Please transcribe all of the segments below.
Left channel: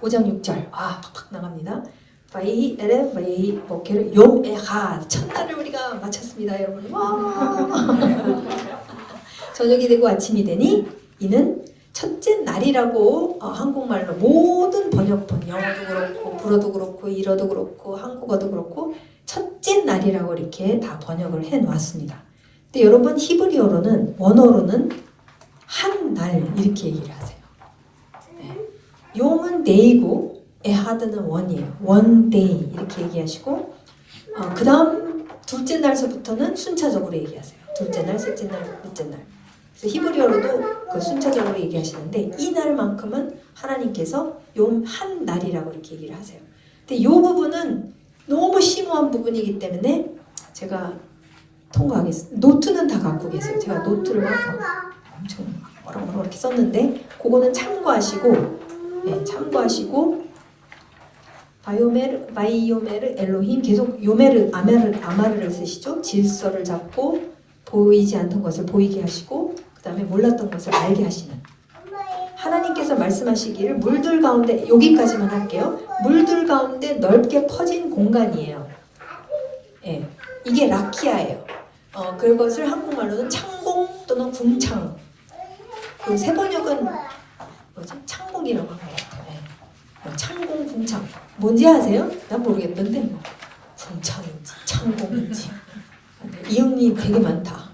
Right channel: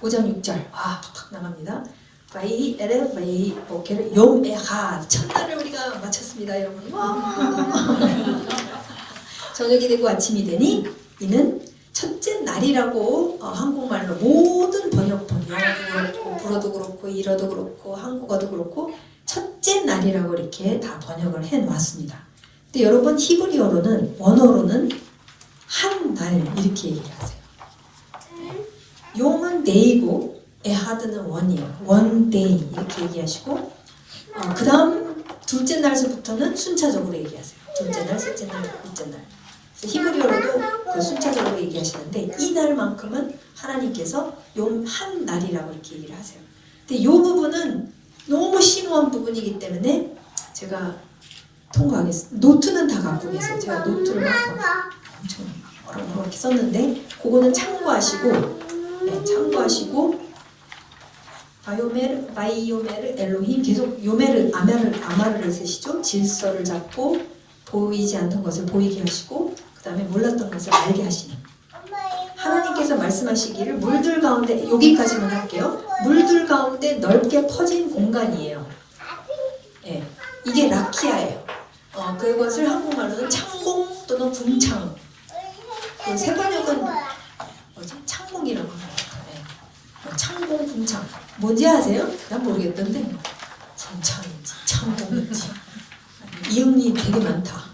5장 6절 팍팍 나갑니다. 바이 에레 바이 보케르 욤 에하 첫날을 우리가 마쳤습니다 여러분. 저녁이 되고 아침이 되니 이는 첫째 날이라고 한국말로 모든 번역본 영어도 그렇고 불어도 그렇고 일어도 그렇고 한국어도 그렇고 첫째 날이라고 이렇게 다 번역을 해놓았습니다. 근데 여러분 히브리어로는 원어로는 한 날 이렇게 얘기를 하세요. 용은 데이고 에하드는 원이에요. 원 데이 이렇게 얘기하시고 그 다음 둘째 날서부터는 순차적으로 얘기하세요. 둘째 날, 셋째 날, 넷째 날. 그래서 히브리어로도 그 순차적으로 얘기하시는데 이 날만큼은 하나님께서 용 한 날이라고 이렇게 얘기를 하세요. 근데 이 부분은 너무 심오한 부분이기 때문에 제가 통과하겠습니다. 노트는 다 갖고 계세요. 제가 노트를 엄청 뭐라고 이렇게 썼는데 그거는 참고하시고 참고하시고 바이오메르 엘로힘 계속 요메르 아마르를 쓰시죠. 질서를 잡고 보이지 않던 것을 보이게 하시고 그 다음에 몰랐던 것을 알게 하시는 하나님께서 말씀하시기를 물들 가운데 여기까지만 할게요. 물들 가운데 넓게 퍼진 공간이에요. 이게 라키아예요. 그것을 한국말로는 창공 또는 궁창 그 세 번역은 창공이라고 해요. 창공, 궁창. 뭔지 아세요? 난 모르겠던데 궁창인지 창공인지 이응이 되게 많다.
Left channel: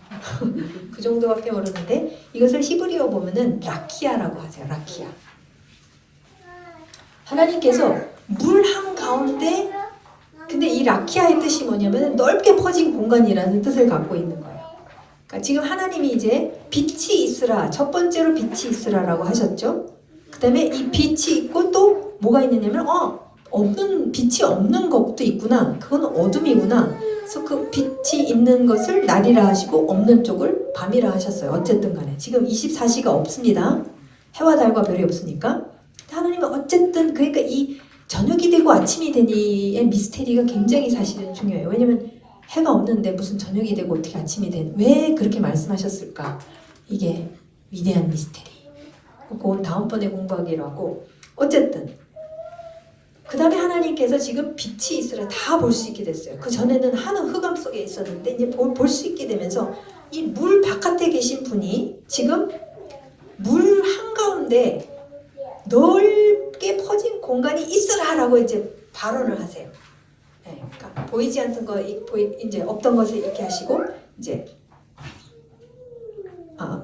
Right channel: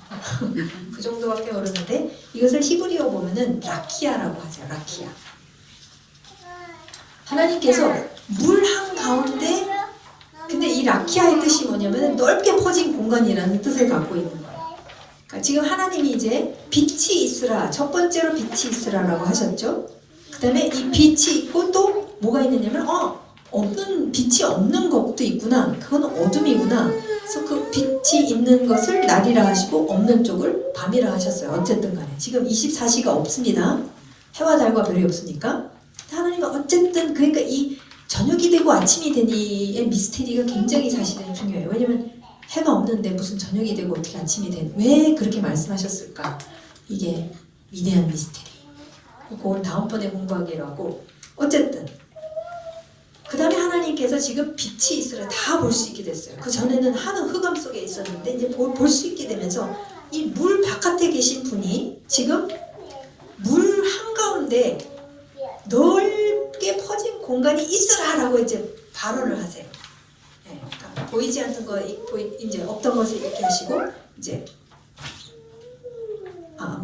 그 정도밖에 모르는데 이것을 히브리어 보면은 라키아라고 하죠. 라키아. 하나님께서 물 한가운데 근데 이 라키아의 뜻이 뭐냐면 넓게 퍼진 공간이라는 뜻을 갖고 있는 거예요. 그러니까 지금 하나님이 이제 빛이 있으라 첫 번째로 빛이 있으라라고 하셨죠. 그 다음에 이 빛이 있고 또 뭐가 있느냐면 없는 빛이 없는 것도 있구나. 그건 어둠이구나. 그래서 그 빛이 있는 것을 날이라 하시고 없는 쪽을 밤이라 하셨어요. 어쨌든 간에 지금 24시가 없습니다. 해와 달과 별이 없으니까. 하나님은 어쨌든 그러니까 이 저녁이 되고 아침이 되니의 미스테리가 굉장히 사실은 중요해요. 왜냐면 해가 없는데 무슨 저녁이 되고 어떻게 아침이 된 왜 그렇게 말씀하셨을까? 이게 위대한 미스테리. 그건 다음번에 공부하기로 하고 어쨌든 그 다음에 하나님께서 지금 빛이 있으라 다 볼 수 있게 됐어요. 그 전에는 하늘 흑암 속에 있었는데 이제 볼 수 있게 되면서 이 물 바깥에 계신 분이 지금 물 한가운데 넓게 퍼진 공간이 있으라라고 이제 발언을 하세요. 그러니까 보이지 않던 거 이제 없던 것을 이렇게 하시고 이제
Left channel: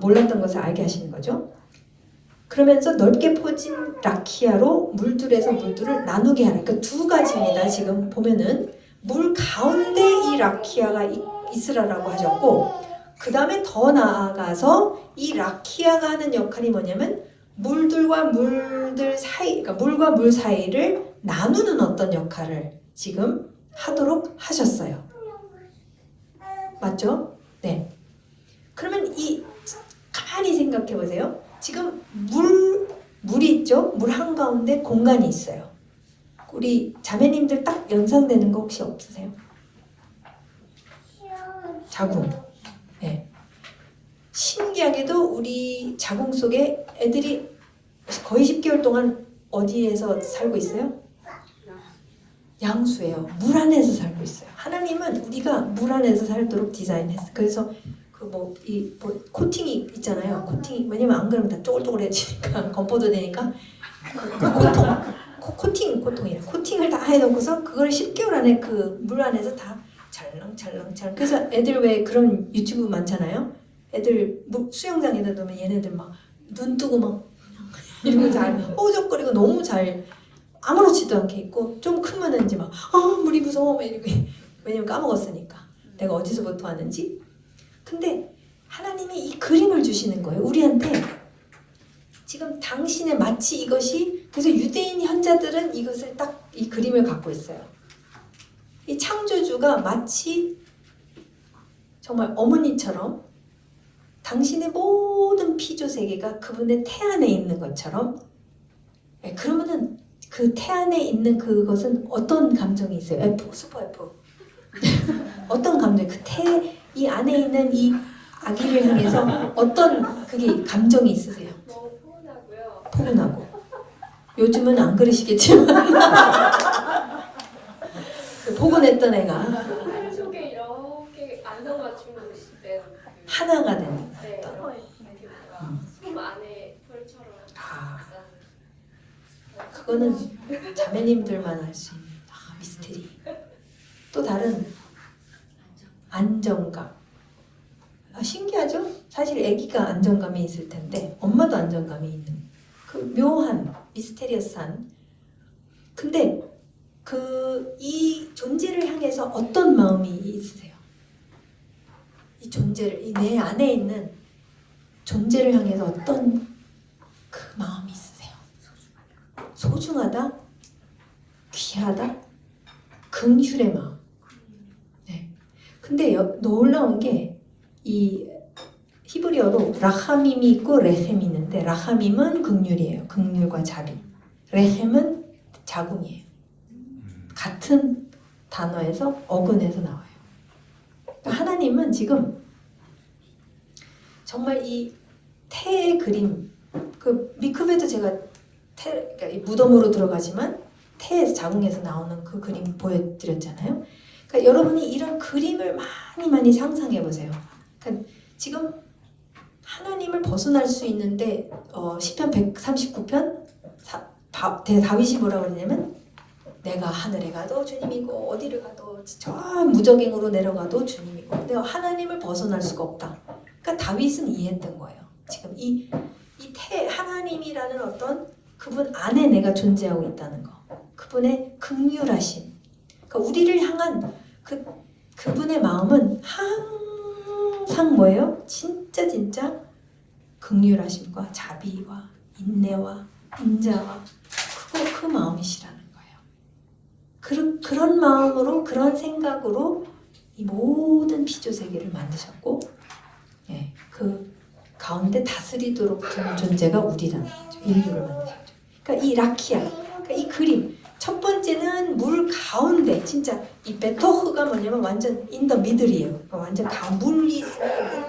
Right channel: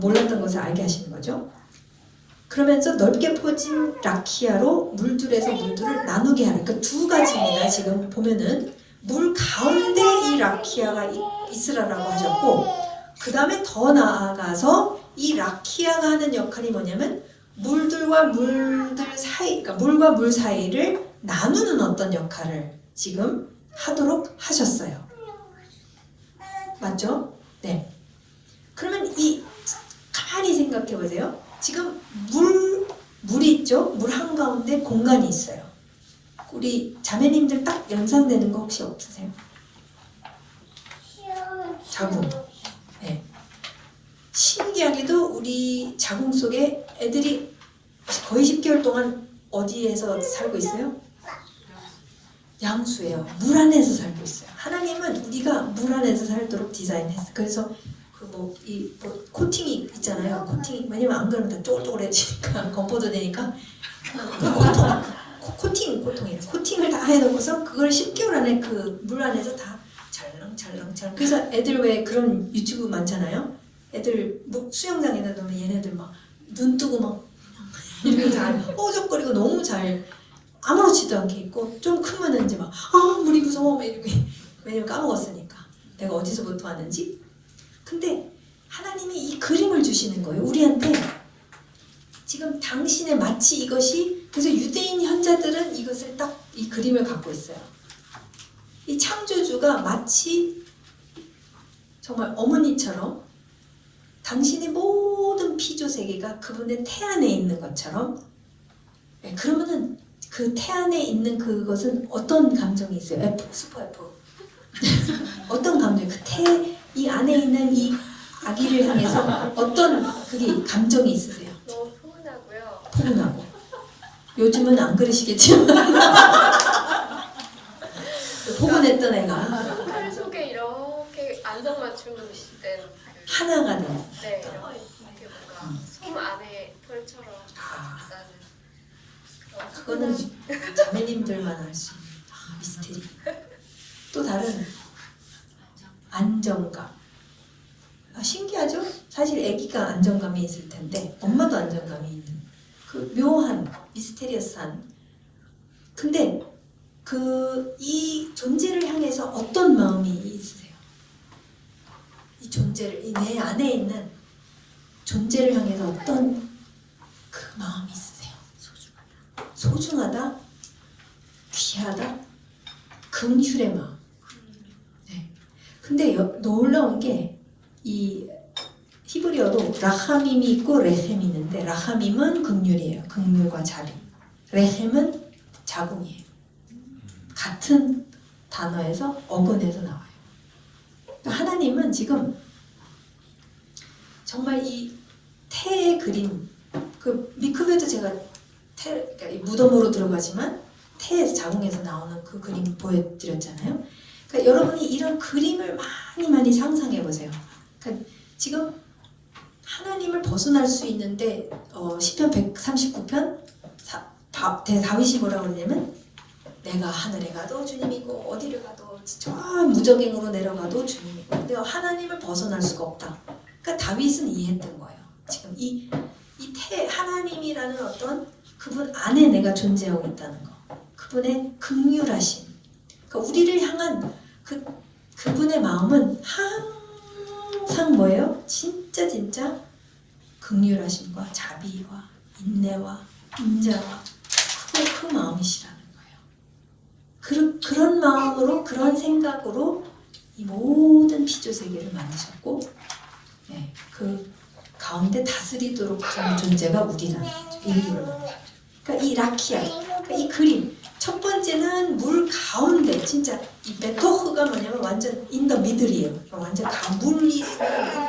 몰랐던 것을 알게 하시는 거죠. 그러면서 넓게 퍼진 라키아로 물들에서 물들을 나누게 하는 그 두 가지입니다. 지금 보면은 물 가운데 이 라키아가 있으라라고 하셨고 그 다음에 더 나아가서 이 라키아가 하는 역할이 뭐냐면 물들과 물들 사이, 그러니까 물과 물 사이를 나누는 어떤 역할을 지금 하도록 하셨어요. 맞죠? 네. 그러면 가만히 생각해 보세요. 지금 물이 있죠? 물 한가운데 공간이 있어요. 우리 자매님들 딱 연상되는 거 혹시 없으세요? 자궁. 네. 신기하게도 우리 자궁 속에 애들이 거의 10개월 동안 어디에서 살고 있어요? 양수예요. 물 안에서 살고 있어요. 하나님은 우리가 물 안에서 살도록 디자인했어요. 그래서 코팅이 있잖아요. 코팅이 왜냐면 안 그러면 다 쪼글쪼글해지니까 건포도 되니까 코팅이에요. 코팅을 다 해놓고서 그걸 10개월 안에 그 물 안에서 다 찰랑찰랑 그래서 애들 왜 그런 유튜브 많잖아요. 애들 수영장에다 놓으면 얘네들 막 눈 뜨고 막 이렇게 잘 허우적거리고 너무 잘 아무렇지도 않게 있고 좀 크면은 이제 막 물이 무서워 막 이렇게 왜냐면 까먹었으니까 내가 어디서부터 왔는지. 근데 하나님이 이 그림을 주시는 거예요. 우리한테 지금 당신의 마치 이것이 그래서 유대인 현자들은 이것을 딱 이 그림을 갖고 있어요. 이 창조주가 마치 정말 어머니처럼 당신의 모든 피조 세계가 그분의 태 안에 있는 것처럼 그러면은 그 태 안에 있는 그것은 어떤 감정이 있어요? F, 슈퍼 F. 어떤 감정이 이 안에 있는 이 아기를 향해서 어떤 그게 감정이 있으세요? 너무 포근하고요. 포근하고. 요즘은 안 그러시겠지만 복원했던 애가 칼 속에 이렇게 안성맞춤 시된 하나가 된. 네, 이렇게 뭔가 솜 안에 털처럼 싸는 그거는 자매님들만 알 수 있는 미스테리. 또 다른 안정감. 신기하죠? 사실 아기가 안정감이 있을 텐데 엄마도 안정감이 있는 그 묘한 미스테리어스한. 근데 이 존재를 향해서 어떤 마음이 있으세요? 이 존재를, 이 내 안에 있는 존재를 향해서 어떤 그 마음이 있으세요? 소중하다? 귀하다? 긍휼의 마음. 네. 근데 놀라운 게 이 히브리어로 라하밈이 있고 레셈이 있는데 라하밈은 긍휼이에요. 긍휼과 자비. 레셈은 자궁이에요. 같은 단어에서 어근에서 나와요. 그러니까 하나님은 지금 정말 이 태의 그림, 그 미크베도 제가 그러니까 이 무덤으로 들어가지만 태에서 자궁에서 나오는 그 그림 보여드렸잖아요. 그러니까 여러분이 이런 그림을 많이 상상해 보세요. 그러니까 지금 하나님을 벗어날 수 있는데 시편 139편 다윗이 뭐라고 그러냐면 내가 하늘에 가도 주님이고 어디를 가도 저 무적행으로 내려가도 주님이고 내가 하나님을 벗어날 수가 없다. 그러니까 다윗은 이해했던 거예요. 지금 이 하나님이라는 어떤 그분 안에 내가 존재하고 있다는 거. 그분의 긍휼하심. 그러니까 우리를 향한 그분의 마음은 항상 뭐예요? 진짜 긍휼하심과 자비와 인내와 인자와 그 마음이시라는 거예요. 그런 마음으로 그런 생각으로 이 모든 피조 세계를 만드셨고 네, 그 가운데 다스리도록 된 존재가 우리라는 거죠. 인류를 만드셨죠. 그러니까 이 라키아, 그러니까 이 그림 첫 번째는 물 가운데 진짜 이 베토흐가 뭐냐면 완전 인더 미들이에요. 완전 물이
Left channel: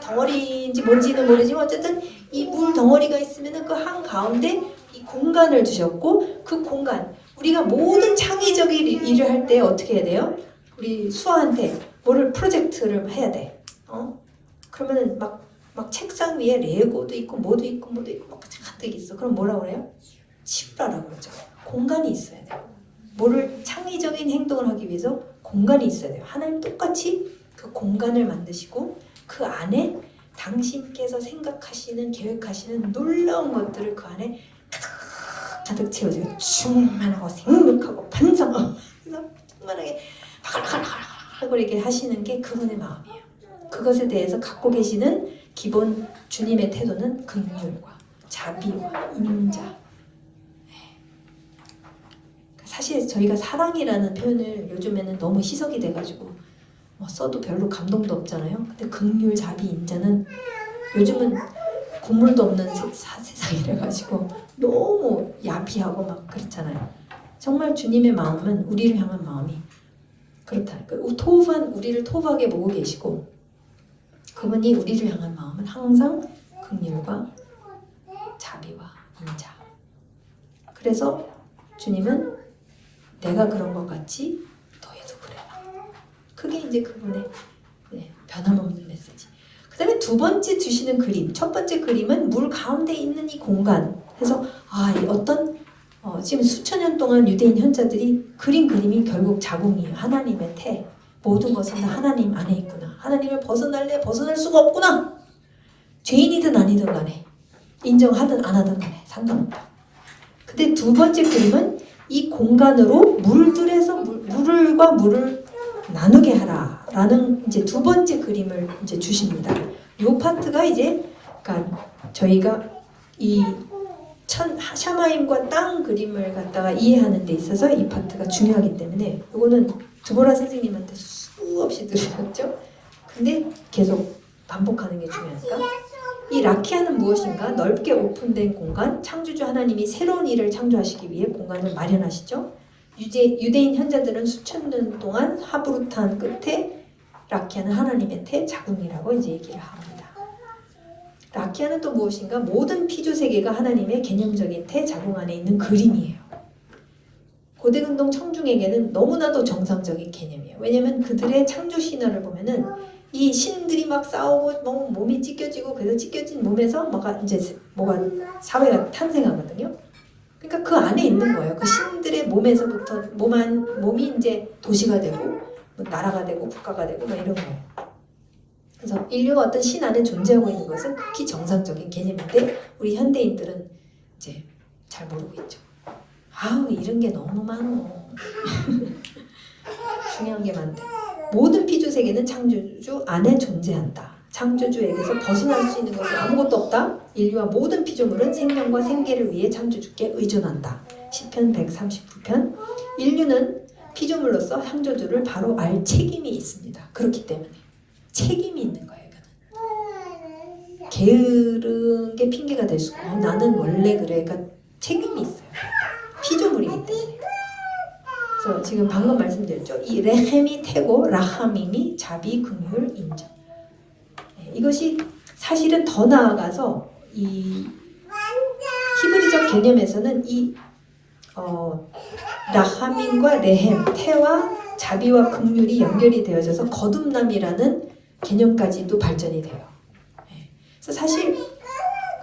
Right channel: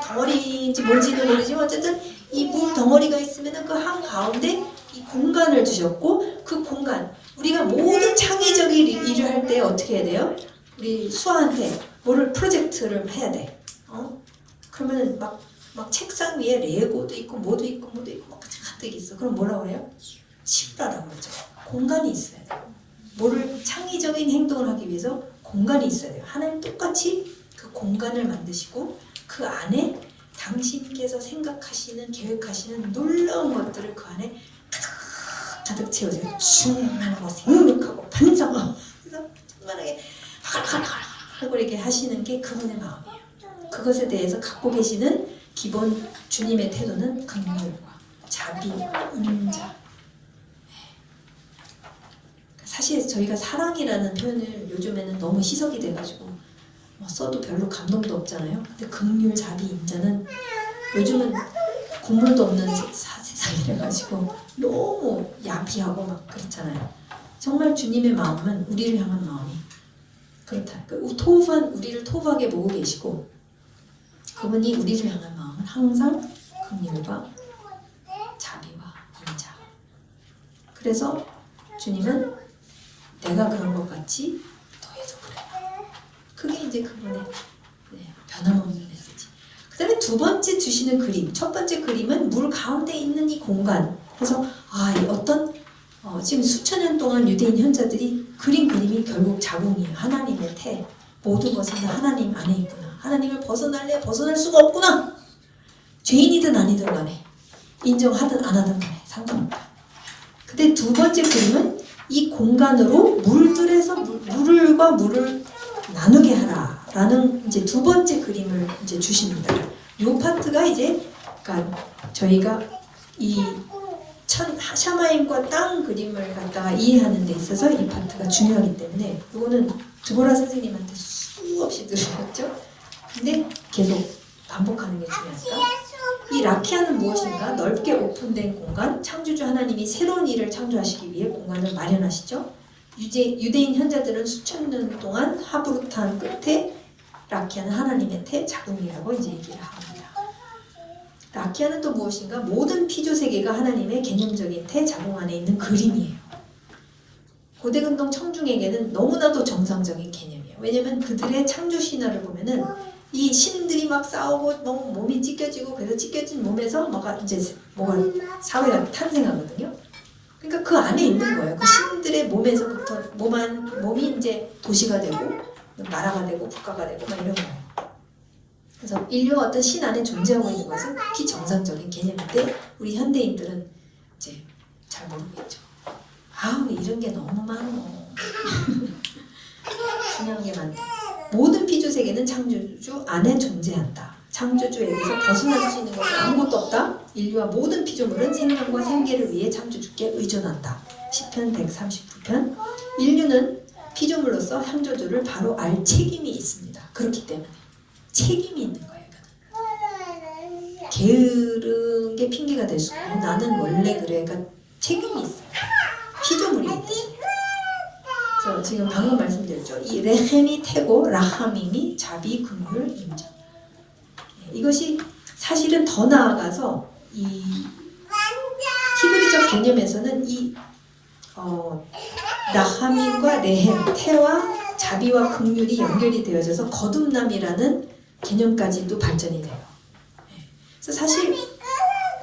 덩어리인지 뭔지는 모르지만 어쨌든 이 물 덩어리가 있으면은 그 한 가운데 이 공간을 주셨고 그 공간 우리가 모든 창의적인 일을 할 때 어떻게 해야 돼요? 우리 수아한테 뭐를 프로젝트를 해야 돼. 그러면은 막 책상 위에 레고도 있고 뭐도 있고 막 가득 있어. 그럼 뭐라고 그래요? 치우라라고 그러죠. 공간이 있어야 돼요. 뭐를 창의적인 행동을 하기 위해서 공간이 있어야 돼요. 하나님 똑같이 그 공간을 만드시고 그 안에 당신께서 생각하시는 계획하시는 놀라운 것들을 그 안에 가득 채우세요. 충만하고 생각하고 반성하고 충만하게 하고 이렇게 하시는 게 그분의 마음이에요. 그것에 대해서 갖고 계시는 기본 주님의 태도는 긍휼과 자비와 인자. 사실 저희가 사랑이라는 표현을 요즘에는 너무 희석이 돼가지고 써도 별로 감동도 없잖아요. 근데 긍휼, 자비, 인자는 요즘은 국물도 없는 세상이라 가지고 너무 야비하고 막 그렇잖아요. 정말 주님의 마음은 우리를 향한 마음이 그렇다. 그러니까 우리를 토부하게 보고 계시고 그분이 우리를 향한 마음은 항상 긍휼과 자비와 인자. 그래서 주님은 내가 그런 것 같이 너희도 그래라. 그게 이제 그분의 변함없는 메시지. 그 다음에 두 번째 주시는 그림. 첫 번째 그림은 물 가운데 있는 이 공간. 그래서 이 어떤 지금 수천 년 동안 유대인 현자들이 그린 그림이 결국 자궁이에요. 하나님의 태. 모든 것은 하나님 안에 있구나. 하나님을 벗어날 수가 없구나. 죄인이든 아니든 간에 인정하든 안 하든 간에 상관없다. 근데 두 번째 그림은 이 공간으로 물들에서 물과 물을 나누게 하라라는 이제 두 번째 그림을 이제 주십니다. 이 파트가 이제 그러니까 저희가 이 샤마임과 땅 그림을 갖다가 이해하는 데 있어서 이 파트가 중요하기 때문에 이거는 드보라 선생님한테 수없이 들으셨죠? 근데 계속 반복하는 게 중요하니까. 이 라키아는 무엇인가? 넓게 오픈된 공간, 창조주 하나님이 새로운 일을 창조하시기 위해 공간을 마련하시죠. 유대인 현자들은 수천 년 동안 하부르탄 끝에 라키아는 하나님의 태, 자궁이라고 이제 얘기를 합니다. 라키아는 또 무엇인가? 모든 피조 세계가 하나님의 개념적인 대자공 안에 있는 그림이에요. 고대근동 청중에게는 너무나도 정상적인 개념이에요. 왜냐면 그들의 창조 신화를 보면은 이 신들이 막 싸우고 뭐 몸이 찢겨지고 그래서 찢겨진 몸에서 뭐가 사회가 탄생하거든요. 그러니까 그 안에 있는 거예요. 그 신들의 몸에서부터 몸이 이제 도시가 되고 나라가 되고 국가가 되고 막 이런 거예요. 그래서 인류가 어떤 신 안에 존재하고 있는 것은 극히 정상적인 개념인데 우리 현대인들은 이제 잘 모르고 있죠. 아우 이런 게 너무 많어. 중요한 게 많다. 모든 피조 세계는 창조주 안에 존재한다. 창조주에게서 벗어날 수 있는 것은 아무것도 없다. 인류와 모든 피조물은 생명과 생계를 위해 창조주께 의존한다. 시편 139편. 인류는 피조물로서 창조주를 바로 알 책임이 있습니다. 그렇기 때문에 책임이 있는 거예요. 이거는. 게으른 게 핑계가 될 수 없고 나는 원래 그래. 그러니까 책임이 있어요. 피조물이기 때문에. 그래서 지금 방금 말씀드렸죠. 이 레헴이 태고 라하밈이 자비 긍휼 인정. 이것이 사실은 더 나아가서 이 히브리적 개념에서는 이 라하밈과 레헴, 태와 자비와 긍휼이 연결이 되어져서 거듭남이라는 개념까지도 발전이 돼요. 그래서 사실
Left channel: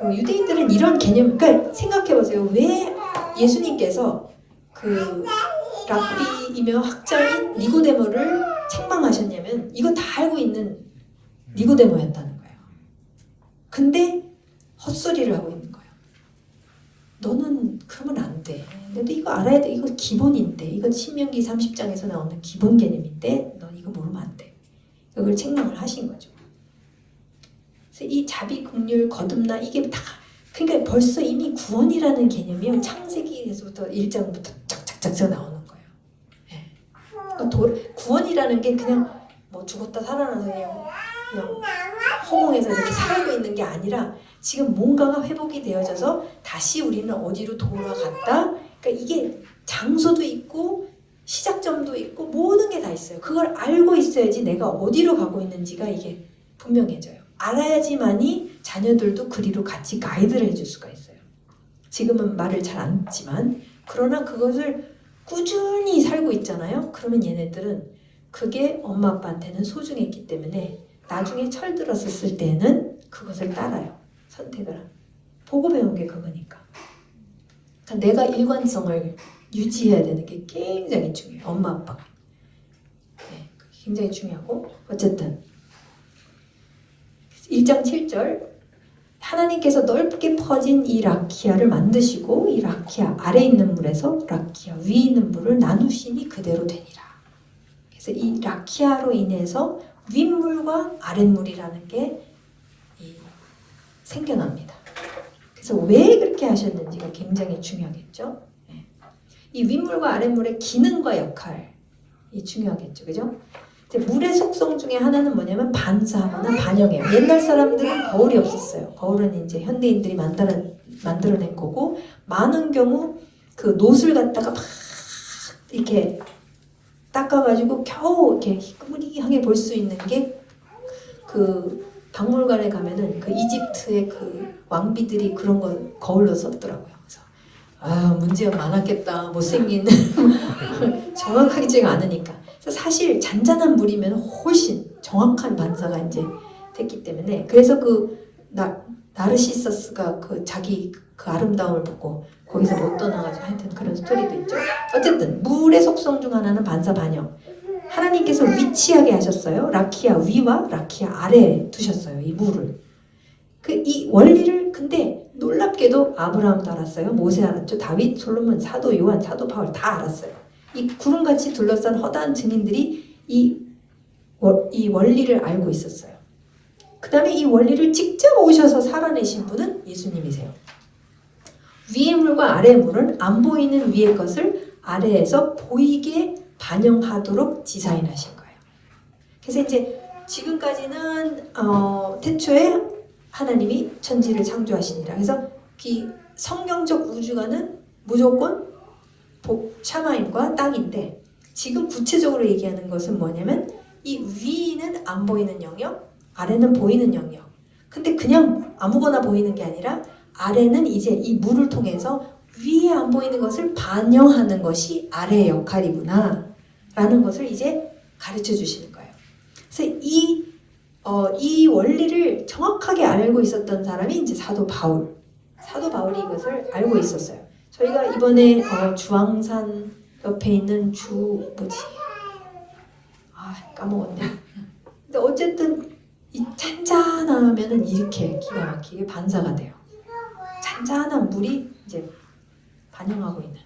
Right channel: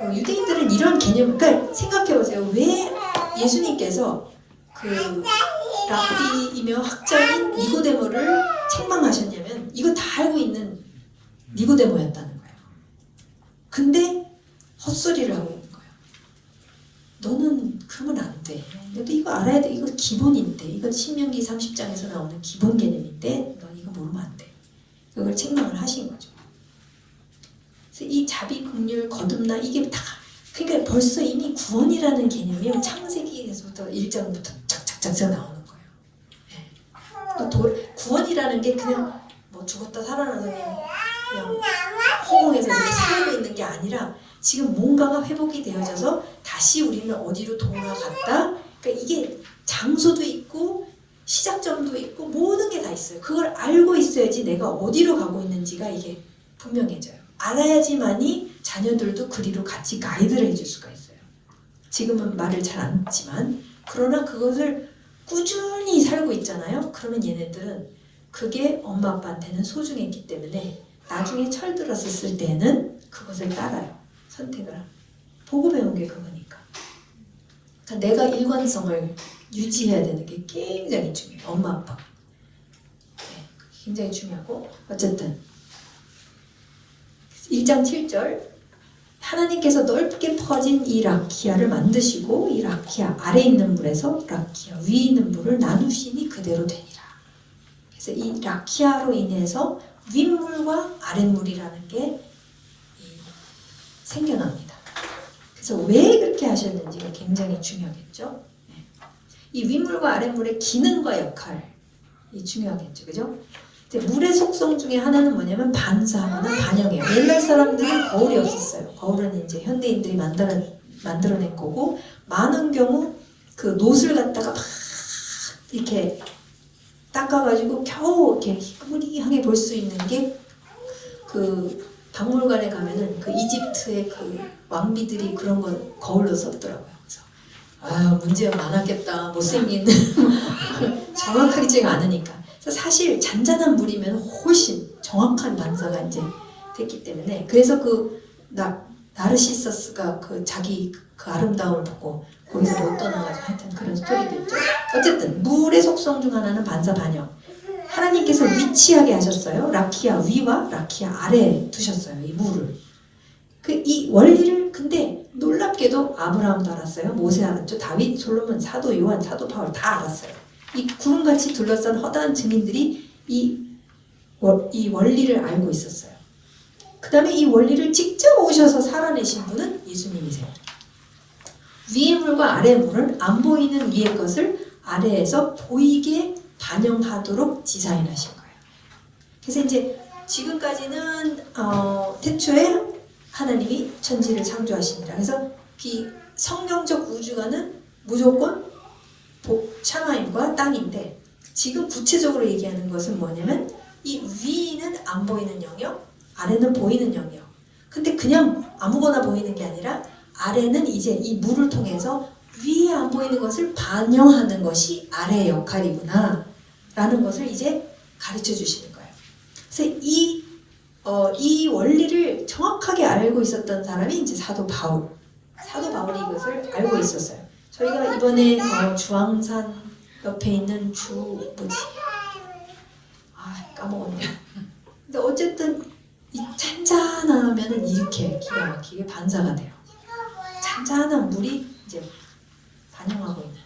유대인들은 이런 개념, 그러니까 생각해보세요. 왜 예수님께서 그 랍비이며 학자인 니고데모를 책망하셨냐면 이거 다 알고 있는 니고데모였다는 거예요. 근데 헛소리를 하고 있는 거예요. 너는 그러면 안 돼. 너도 이거 알아야 돼. 이거 기본인데. 이거 신명기 30장에서 나오는 기본 개념인데 너 이거 모르면 안 돼. 그걸 책망을 하신 거죠. 그래서 이 자비, 긍휼, 거듭나 이게 다 그러니까 벌써 이미 구원이라는 개념이 창세기에서부터 1장부터 착착착착 나오는 거예요. 네. 구원이라는 게 그냥 뭐 죽었다 살아나서 그냥 허공에서 이렇게 살고 있는 게 아니라 지금 뭔가가 회복이 되어져서 다시 우리는 어디로 돌아갔다. 그러니까 이게 장소도 있고 시작점도 있고 모든 게 다 있어요. 그걸 알고 있어야지 내가 어디로 가고 있는지가 이게 분명해져요. 알아야지만이 자녀들도 그리로 같이 가이드를 해줄 수가 있어요. 지금은 말을 잘 안 듣지만 그러나 그것을 꾸준히 살고 있잖아요. 그러면 얘네들은 그게 엄마 아빠한테는 소중했기 때문에 나중에 철들었을 때는 그것을 따라요. 선택을 보고 배운 게 그거니까. 그러니까 내가 일관성을 유지해야 되는 게 굉장히 중요해요. 엄마 아빠. 네, 굉장히 중요하고 어쨌든 1장 7절 하나님께서 넓게 퍼진 이 라키아를 만드시고 이 라키아 아래 있는 물에서 라키아 위에 있는 물을 나누시니 그대로 되니라. 그래서 이 라키아로 인해서 윗물과 아랫물이라는 게 생겨납니다. 그래서 왜 그렇게 하셨는지가 굉장히 중요하겠죠. 이 윗물과 아랫물의 기능과 역할이 중요하겠죠. 그죠? 물의 속성 중에 하나는 뭐냐면 반사하거나 반영해요. 옛날 사람들은 거울이 없었어요. 거울은 이제 현대인들이 만들어낸 거고 많은 경우 그 노슬 갖다가 막 이렇게 닦아가지고 겨우 이렇게 희끄무리하게 볼 수 있는 게 그 박물관에 가면은 그 이집트의 그 왕비들이 그런 걸 거울로 썼더라고요. 그래서 아 문제가 많았겠다. 못생긴 정확하게 제가 않으니까. 그래서 사실 잔잔한 물이면 훨씬 정확한 반사가 이제 됐기 때문에 그래서 그 나르시서스가 그 자기 그 아름다움을 보고 거기서 못 떠나가지고 하여튼 그런 스토리도 있죠. 어쨌든 물의 속성 중 하나는 반사 반영. 하나님께서 위치하게 하셨어요. 라키아 위와 라키아 아래에 두셨어요. 이 물을. 이 원리를 근데 놀랍게도 아브라함도 알았어요. 모세 알았죠. 다윗, 솔로몬, 사도 요한, 사도 바울 다 알았어요. 이 구름같이 둘러싼 허다한 증인들이 이 원리를 알고 있었어요. 그 다음에 이 원리를 직접 오셔서 살아내신 분은 예수님이세요. 위의 물과 아래의 물은 안 보이는 위의 것을 아래에서 보이게 반영하도록 디자인하신 거예요. 그래서 이제 지금까지는 태초에 하나님이 천지를 창조하시니라. 그래서 이 성경적 우주관은 무조건 샤마임과 땅인데 지금 구체적으로 얘기하는 것은 뭐냐면 이 위는 안 보이는 영역, 아래는 보이는 영역. 근데 그냥 아무거나 보이는 게 아니라 아래는 이제 이 물을 통해서 위에 안 보이는 것을 반영하는 것이 아래의 역할이구나 라는 것을 이제 가르쳐 주시는 거예요. 그래서 이 원리를 정확하게 알고 있었던 사람이 이제 사도 바울. 사도 바울이 이것을 알고 있었어요. 저희가 이번에 주황산 옆에 있는 까먹었네. 근데 어쨌든 이 잔잔하면은 이렇게 기가 막히게 반사가 돼요. 잔잔한 물이 이제 반영하고 있는.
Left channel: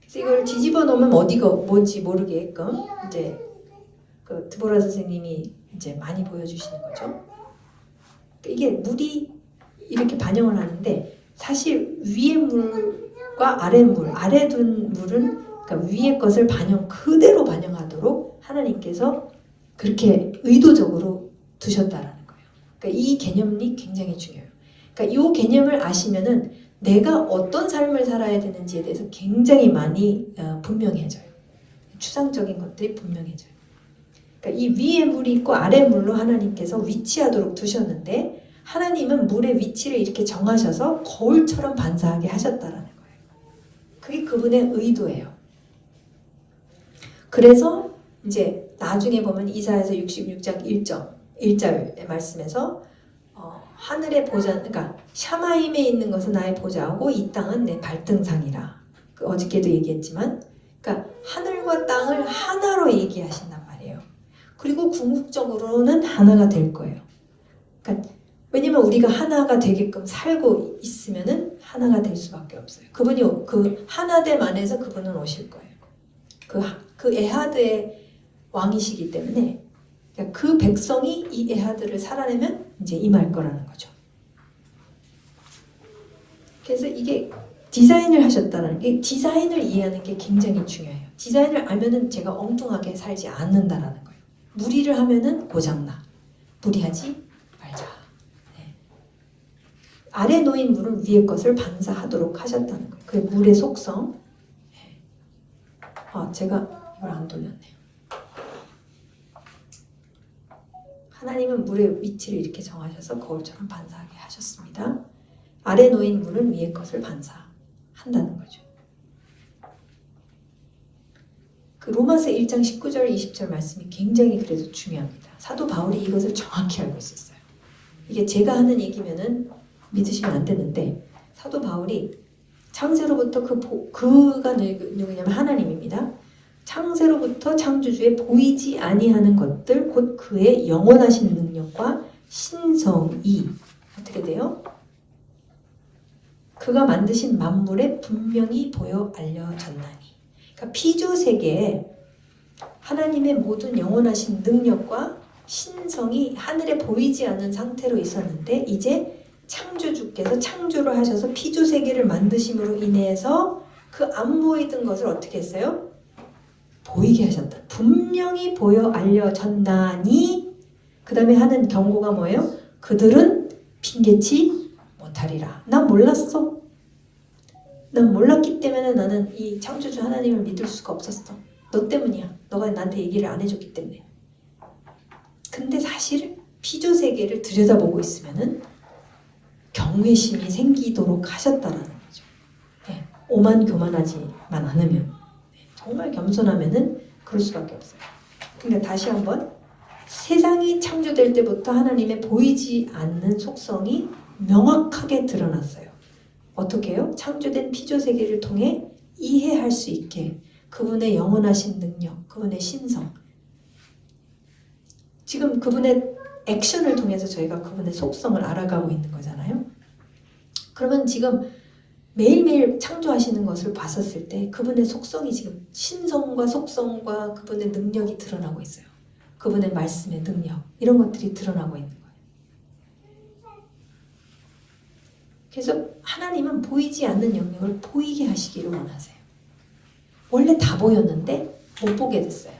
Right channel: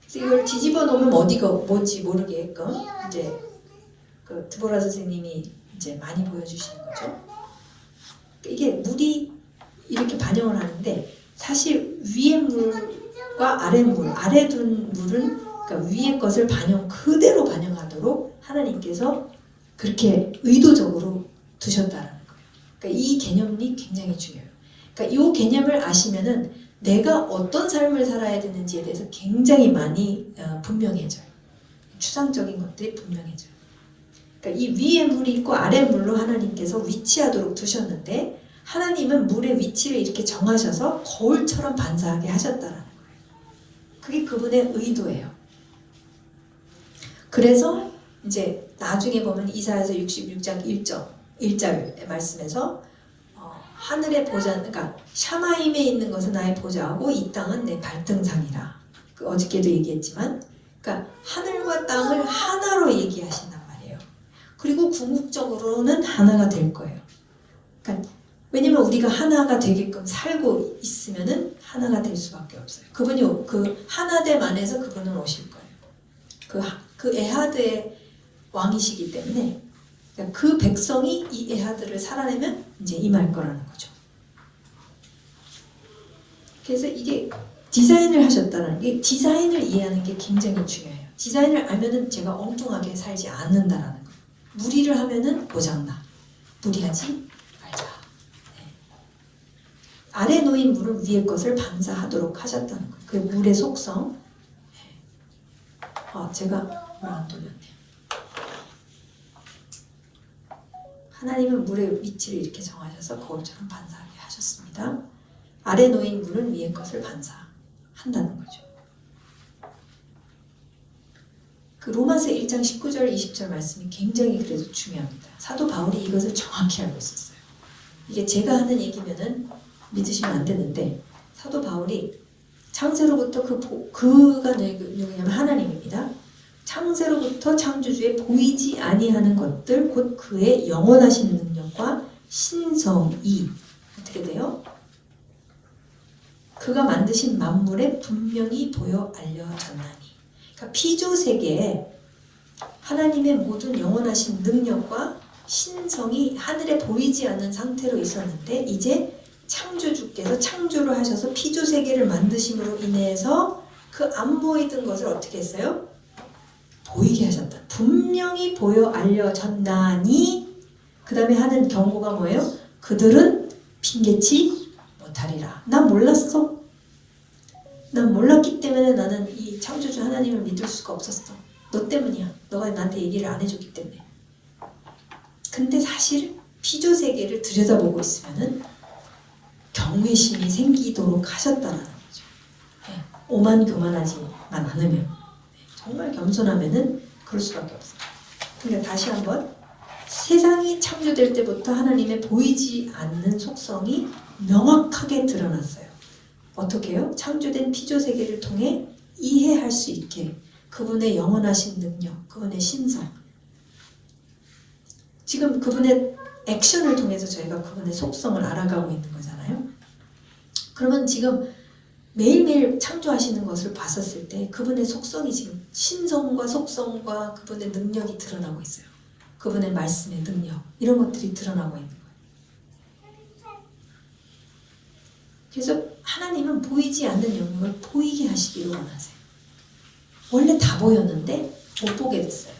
그래서 이걸 뒤집어 놓으면 어디가 뭔지 모르게끔 이제 그 드보라 선생님이 이제 많이 보여주시는 거죠. 그러니까 이게 물이 이렇게 반영을 하는데 사실 위의 물과 아래 물, 아래 둔 물은 그러니까 위의 것을 그대로 반영하도록 하나님께서 그렇게 의도적으로 두셨다라는 거예요. 그러니까 이 개념이 굉장히 중요해요. 그러니까 이 개념을 아시면은 내가 어떤 삶을 살아야 되는지에 대해서 굉장히 많이 분명해져요. 추상적인 것들이 분명해져요. 그러니까 이 위에 물이 있고 아래 물로 하나님께서 위치하도록 두셨는데 하나님은 물의 위치를 이렇게 정하셔서 거울처럼 반사하게 하셨다라는 거예요. 그게 그분의 의도예요. 그래서 이제 나중에 보면 이사야서 66장 1절의 말씀에서 하늘의 보좌, 그러니까 샤마임에 있는 것은 나의 보좌하고 이 땅은 내 발등상이라. 어저께도 얘기했지만, 그러니까 하늘과 땅을 하나로 얘기하신단 말이에요. 그리고 궁극적으로는 하나가 될 거예요. 그러니까 왜냐면 우리가 하나가 되게끔 살고 있으면은 하나가 될 수밖에 없어요. 그분이 그 하나됨 안에서 그분은 오실 거예요. 그 에하드의 왕이시기 때문에 그러니까 그 백성이 이 에하드를 살아내면 이제 임할 거라는 거죠. 그래서 이게 디자인을 하셨다는 게 디자인을 이해하는 게 굉장히 중요해요. 디자인을 알면은 제가 엉뚱하게 살지 않는다라는 거예요. 무리를 하면은 고장나. 무리하지 말자. 네. 아래 놓인 물을 위의 것을 반사하도록 하셨다는 거예요. 그 물의 속성. 네. 제가 물 안 돌렸네요. 하나님은 물의 위치를 이렇게 정하셔서 거울처럼 반사하게 하셨습니다. 아래 놓인 물은 위의 것을 반사한다는 거죠. 그 로마서 1장 19절 20절 말씀이 굉장히 그래도 중요합니다. 사도 바울이 이것을 정확히 알고 있었어요. 이게 제가 하는 얘기면은 믿으시면 안 되는데 사도 바울이 창세로부터 그가 누구냐면 하나님입니다. 창세로부터 창조주의 보이지 아니하는 것들 곧 그의 영원하신 능력과 신성이 어떻게 돼요? 그가 만드신 만물에 분명히 보여 알려졌나니. 그러니까 피조세계에 하나님의 모든 영원하신 능력과 신성이 하늘에 보이지 않는 상태로 있었는데 이제 창조주께서 창조를 하셔서 피조세계를 만드심으로 인해서 그 안 보이던 것을 어떻게 했어요? 보이게 하셨다. 분명히 보여 알려졌나니 그 다음에 하는 경고가 뭐예요? 그들은 핑계치 못하리라. 난 몰랐어. 난 몰랐기 때문에 나는 이 창조주 하나님을 믿을 수가 없었어. 너 때문이야. 너가 나한테 얘기를 안 해줬기 때문에. 근데 사실 피조세계를 들여다보고 있으면은 경외심이 생기도록 하셨다는 거죠. 네. 오만교만하지만 않으면 네. 정말 겸손하면은 그럴 수밖에 없어요. 그러니까 다시 한번 세상이 창조될 때부터 하나님의 보이지 않는 속성이 명확하게 드러났어요. 어떻게 해요? 창조된 피조세계를 통해 이해할 수 있게 그분의 영원하신 능력, 그분의 신성 지금 그분의 액션을 통해서 저희가 그분의 속성을 알아가고 있는 거잖아요. 그러면 지금 매일매일 창조하시는 것을 봤었을 때 그분의 속성이 지금 신성과 속성과 그분의 능력이 드러나고 있어요. 그분의 말씀의 능력 이런 것들이 드러나고 있는 거예요. 그래서 하나님은 보이지 않는 영역을 보이게 하시기를 원하세요. 원래 다 보였는데 못 보게 됐어요.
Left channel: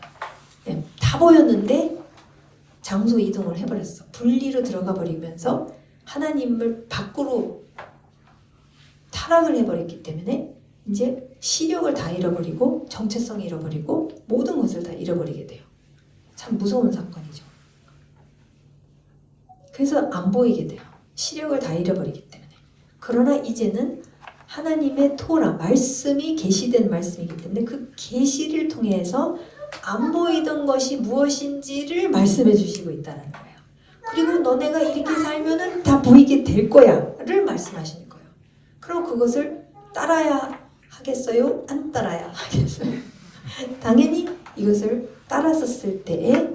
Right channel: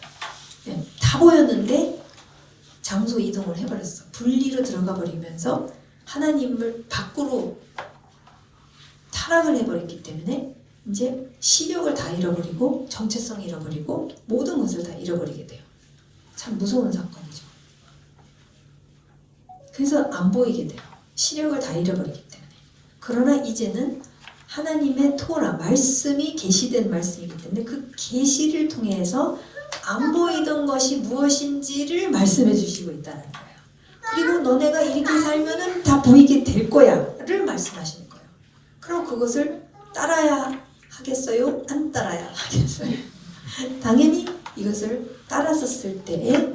네, 다 보였는데 장소 이동을 해버렸어. 분리로 들어가 버리면서 하나님을 밖으로 타락을 해버렸기 때문에 이제 시력을 다 잃어버리고 정체성 잃어버리고 모든 것을 다 잃어버리게 돼요. 참 무서운 사건이죠. 그래서 안 보이게 돼요. 시력을 다 잃어버리기 때문에. 그러나 이제는 하나님의 토라, 말씀이 계시된 말씀이기 때문에 그 계시를 통해서 안 보이던 것이 무엇인지를 말씀해 주시고 있다는 거예요. 그리고 너네가 이렇게 살면은 다 보이게 될 거야를 말씀하시는 거예요. 그럼 그것을 따라야 하겠어요? 안 따라야 하겠어요? 당연히 이것을 따라섰을 때에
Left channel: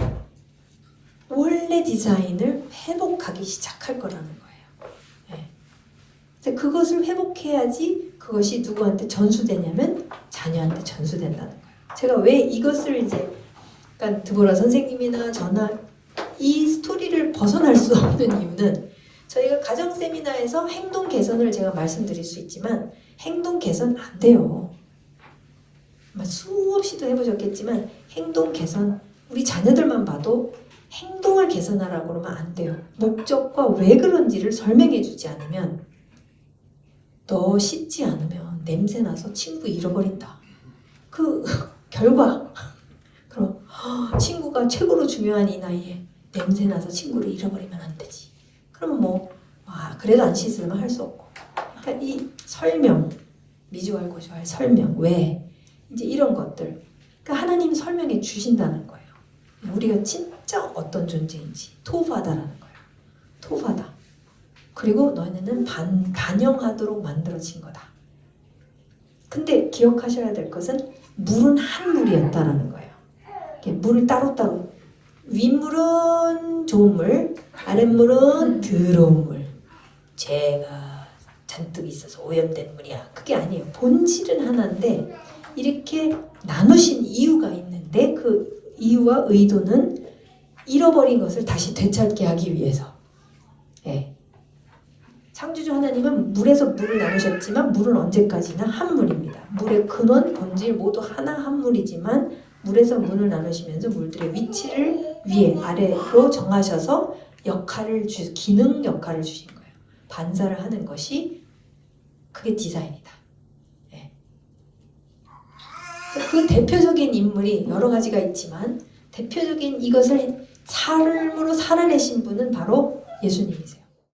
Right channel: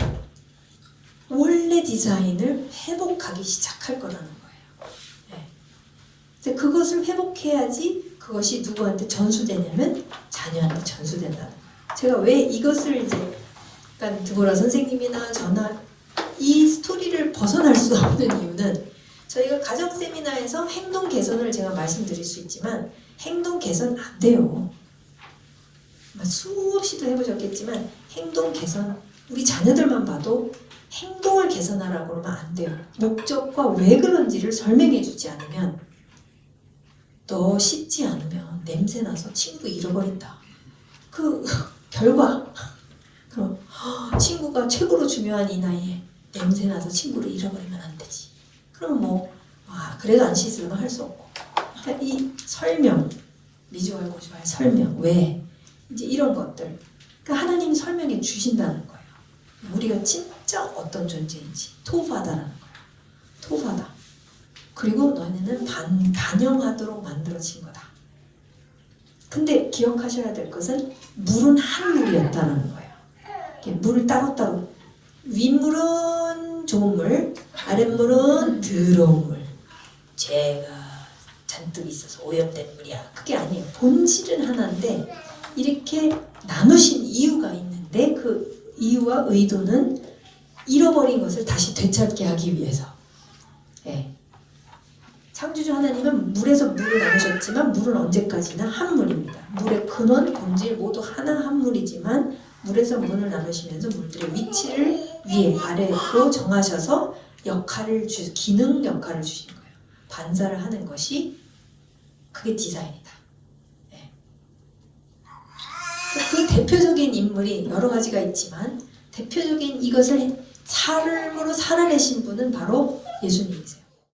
원래 디자인을 회복하기 시작할 거라는 거예요. 네. 그래서 그것을 회복해야지 그것이 누구한테 전수되냐면 자녀한테 전수된다는 거예요. 제가 왜 이것을 이제 그러니까 드보라 선생님이나 저나 이 스토리를 벗어날 수 없는 이유는 저희가 가정 세미나에서 행동 개선을 제가 말씀드릴 수 있지만 행동 개선 안 돼요. 수없이도 해보셨겠지만 행동 개선 우리 자녀들만 봐도 행동을 개선하라고 그러면 안 돼요. 목적과 왜 그런지를 설명해 주지 않으면 너 씻지 않으면 냄새 나서 친구 잃어버린다. 그 결과 그럼 친구가 최고로 중요한 이 나이에 냄새 나서 친구를 잃어버리면 안 되지. 그러면 그래도 안 씻으면 할 수 없고. 그러니까 이 설명 미주알 고주알 설명 왜 이제 이런 것들 그러니까 하나님이 설명해 주신다는 거예요. 우리가 진짜 어떤 존재인지 토바다라는 거예요. 토바다. 그리고 너희는 반영하도록 만들어진 거다. 근데 기억하셔야 될 것은 물은 한 물이었다라는 거예요. 물을 따로따로 윗물은 좋은 물, 아랫물은 더러운 물. 죄가 잔뜩 있어서 오염된 물이야. 그게 아니에요. 본질은 하나인데 이렇게 나누신 이유가 있는데 그 이유와 의도는 잃어버린 것을 다시 되찾게 하기 위해서. 예. 창조주 하나님은 물에서 물을 나누셨지만 물은 언제까지나 한 물입니다. 물의 근원, 본질 모두 하나 한 물이지만 물에서 물을 나누시면서 물들의 위치를 위에 아래로 정하셔서 기능 역할을 주신 거예요. 반사를 하는 것이 그게 디자인이다. 네. 그 대표적인 인물이 여러 가지가 있지만 대표적인 이것을 삶으로 살아내신 분은 바로 예수님이세요.